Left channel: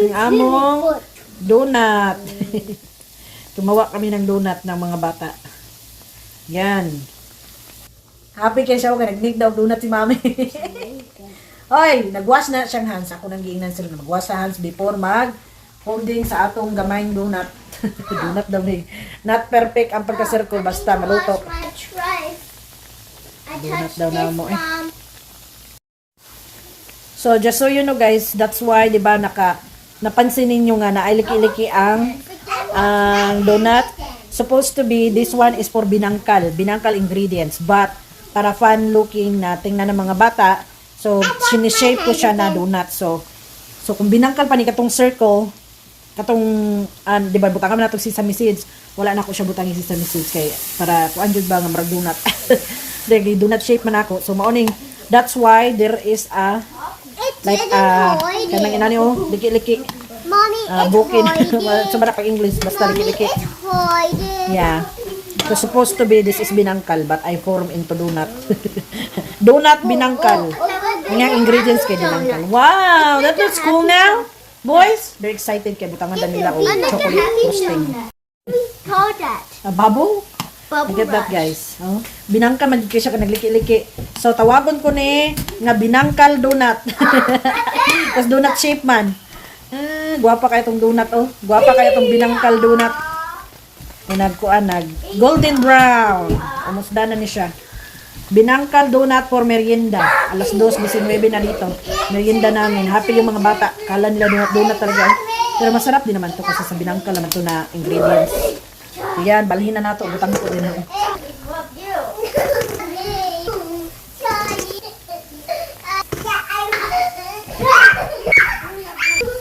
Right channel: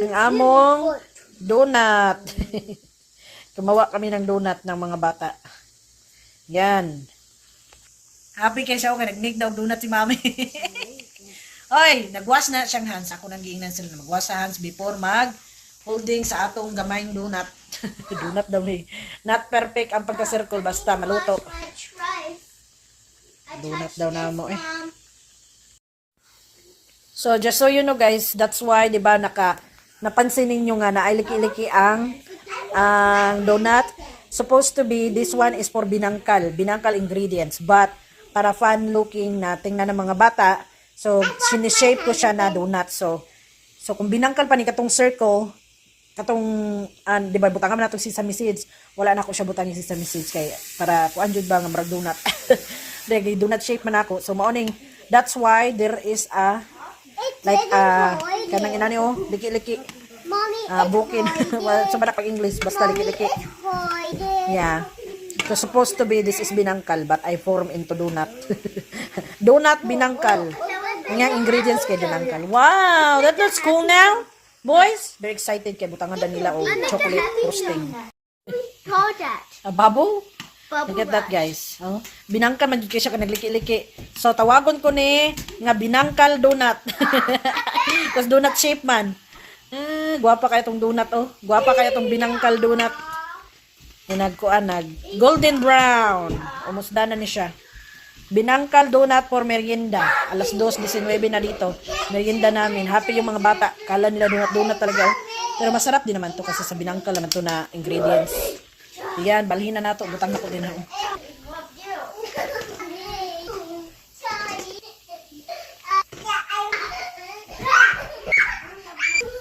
Yung among donut. Gumawa kami ng donut ng mga bata. Yan. Happy kayo sa ako. Nag-make daw donut si mami. Oy, nagwash na siyang hands. Ako nang giingnan sila. Magwash sa hands before holding sa atong gamayng donut. Donut daw eh. Not perfect ang pagka-circle. Basta maluto. Donut daw na mo eh. So, just so you know guys, that's why, di ba, napansin ninyo nga na ay liki-liki ang donut. Supposed to be, this one is for binangkal ingredients. But, para fun looking na tingnan ng mga bata, so, sinishape ko siya na donut. So kung binangkal pa ni katong circle, di ba, butangan mo na itong sesame seeds, wala na ako siya butangin sesame seeds kay para kuan jud ba nga marag donut. Dili donut shape man ako. So maoning, that's why there is a like kanang inani liki-liki. Mommy, bukin. Sobra pag English basta liki-liki. Yeah. So supposed to be this is binangkal but I form into donut. Donut binangkal. Yung ingredients kay binangkal. Wow, that looks cool now. Boys, they're excited kay butangan dan nila chocolate frosting. Bubble? Look at that guys. Binangkal man jud siya ka nagliki-liki. So tawagon ko ni nga binangkal donut. Tas donut shape man. Guwapa kay itong donut Guwapa kay itong binangkal donut. Nag golden brown. Almost done na ni siya. Binangkal donut for merienda. Alas 2:19 na dito. Merienda namin. Happy yung mga bata. Kala nila donut talaga. Pero masarap din naman to kasi sa binangkal naman to na ingredients. Yan, balhin na nato. Butang ko din ako.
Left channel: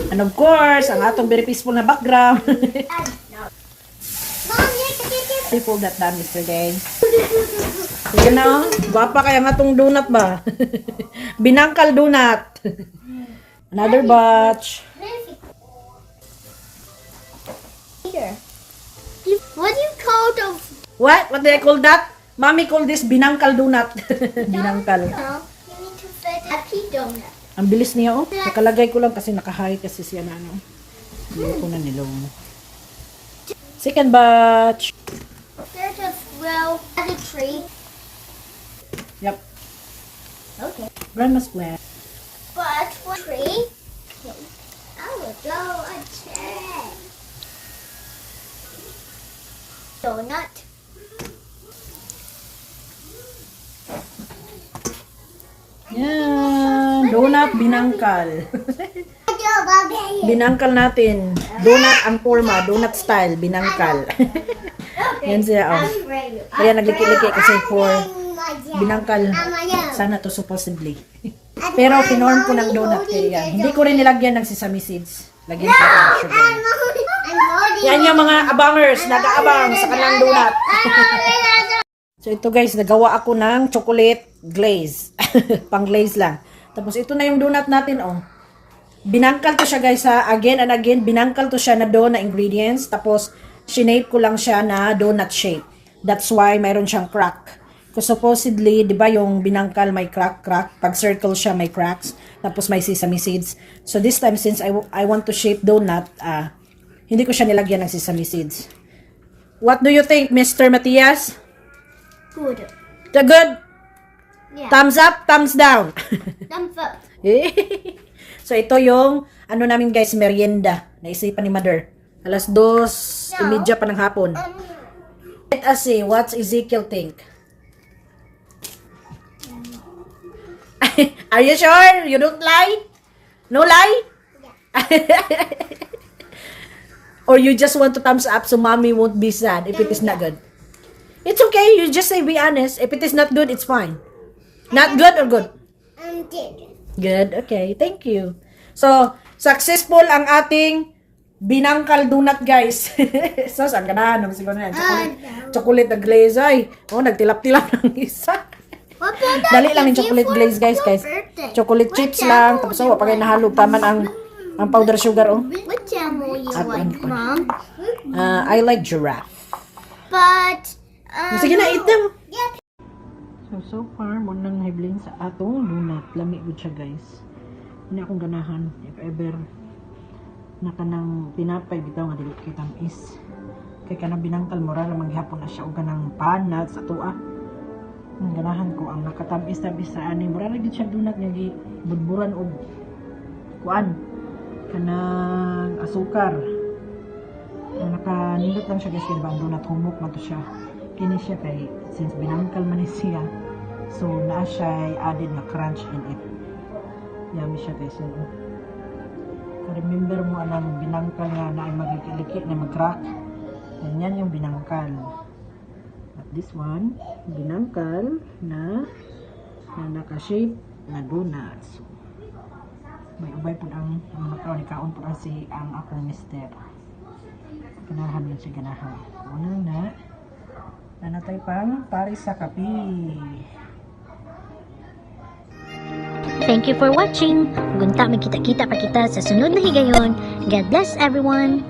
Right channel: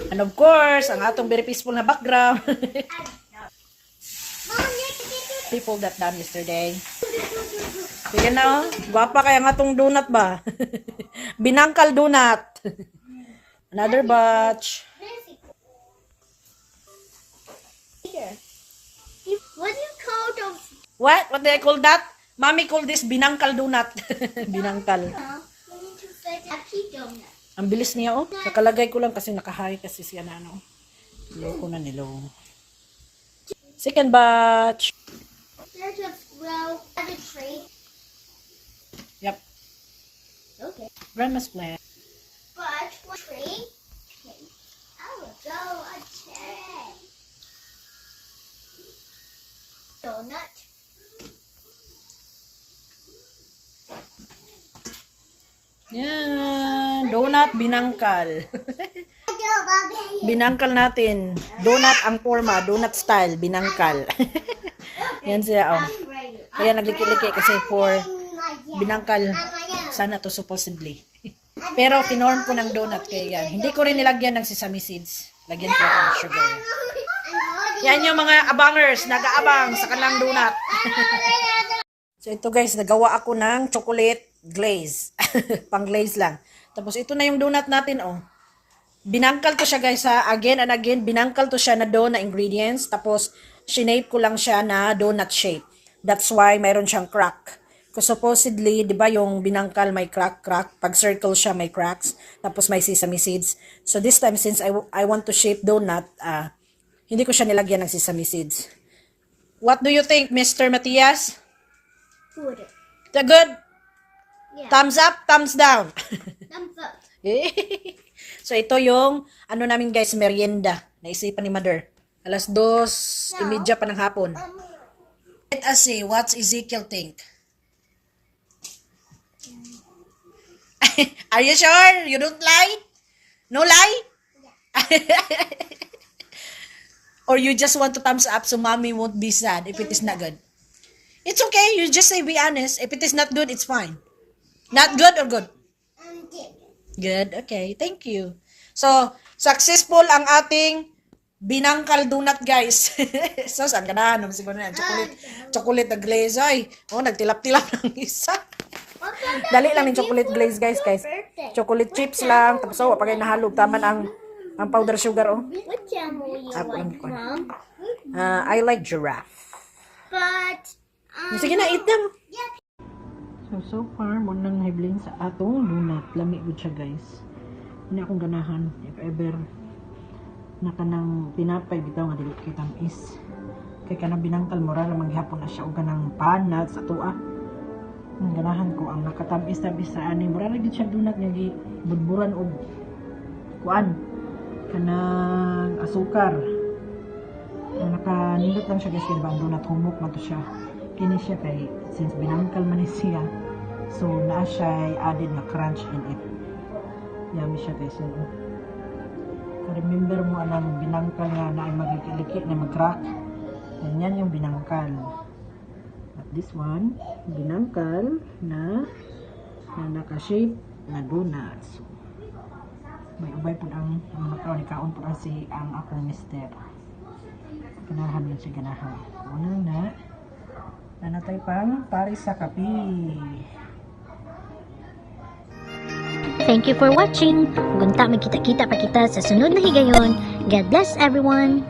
And of course, ang atong very peaceful na background. I pulled that down yesterday. Sige na, guwapa kaya nga tong donut ba? Binangkal donut. Another batch. What do you call those? What? What do I call that? Mommy call this binangkal donut. Binangkal. You need to fit a pea donut. Ang bilis niya Nakalagay ko lang kasi nakahay kasi siya na Hindi ko na nilong. Second batch. There's a row at a tree. Yep. Okay. Grandma's plant. But what tree? Okay. I will go a check. Donut. Yan. Donut binangkal. Binangkal natin. Donut ang forma. Donut style. Binangkal. Yan siya. Kaya nagliki-liki kasi for binangkal. Sana to supposedly. Pero kinorn ko ng donut kaya yan. Hindi ko rin nilagyan ng sesame seeds. Lagyan ko ng sugar. Yan yung mga abangers. Nag-aabang sa kanilang donut. So ito guys, nagawa ako ng chocolate glaze. Pang glaze lang. Tapos ito na yung donut natin Binangkal to siya guys again and again. Binangkal to siya na dough na ingredients. Tapos shinape ko lang siya na donut shape. That's why mayroon siyang crack. Because supposedly, di ba yung binangkal may crack. Pag circle siya may cracks. Tapos may sesame seeds. So this time since I want to shape donut, hindi ko siya nilagyan ng sesame seeds. What do you think, Mr. Matias? Good. The good? Yeah. Thumbs up, thumbs down. Thumbs up. So ito yung namin guys, merienda. Naisipan ni Mother. Alas 2:30 pa ng hapon. Let us see, what's Ezekiel think? Are you sure? You don't lie? No lie? Or you just want to thumbs up so mommy won't be sad if it is not good? It's okay. You just say be honest. If it is not good, it's fine. Not good or good? Good. Okay. Thank you. So, successful ang ating binangkal donut, guys. So, saan ka na? Siguro na yan. Chocolate na glaze. Ay, nagtilap-tilap ng isa. Dali lang yung chocolate glaze, guys. Chocolate chips lang. Tapos, pa kayo nahalog. Taman ang powder sugar, What animal you like, Mom? I like giraffe. But, Sige na, eat them. So far, mo nang hiblin sa atong donut. Lami ko siya, guys. Hindi akong ganahan. If ever na kanang tinapay bitaw nga dili kay tamis. Kay kanang binangkal mura na maghapon na siya og kanang panat sa tuwa. Ang ganahan ko ang nakatamis-tamis sa ani mura na gid siya donut nga gi budburan og kuan kanang asukar. Nakanindot lang siya guys kay diba ang donut humok man to siya. Kini siya kay since binangkal man ni siya. So naa siya added na crunch in it. Yummy siya guys. Remember mo anang binangkal nga na ay maglikiliki na mag-crack. Yan yung binangkal. At this one, binangkal na naka-shape na donut. So, may ubay po ang mga ni kaon po si ang akong mister. Ganahan yun si ganahan. Unang na nanatay pang paris sa kape. Thank you for watching. Gunta magkita-kita pa kita sa sunod na higayon. God bless everyone.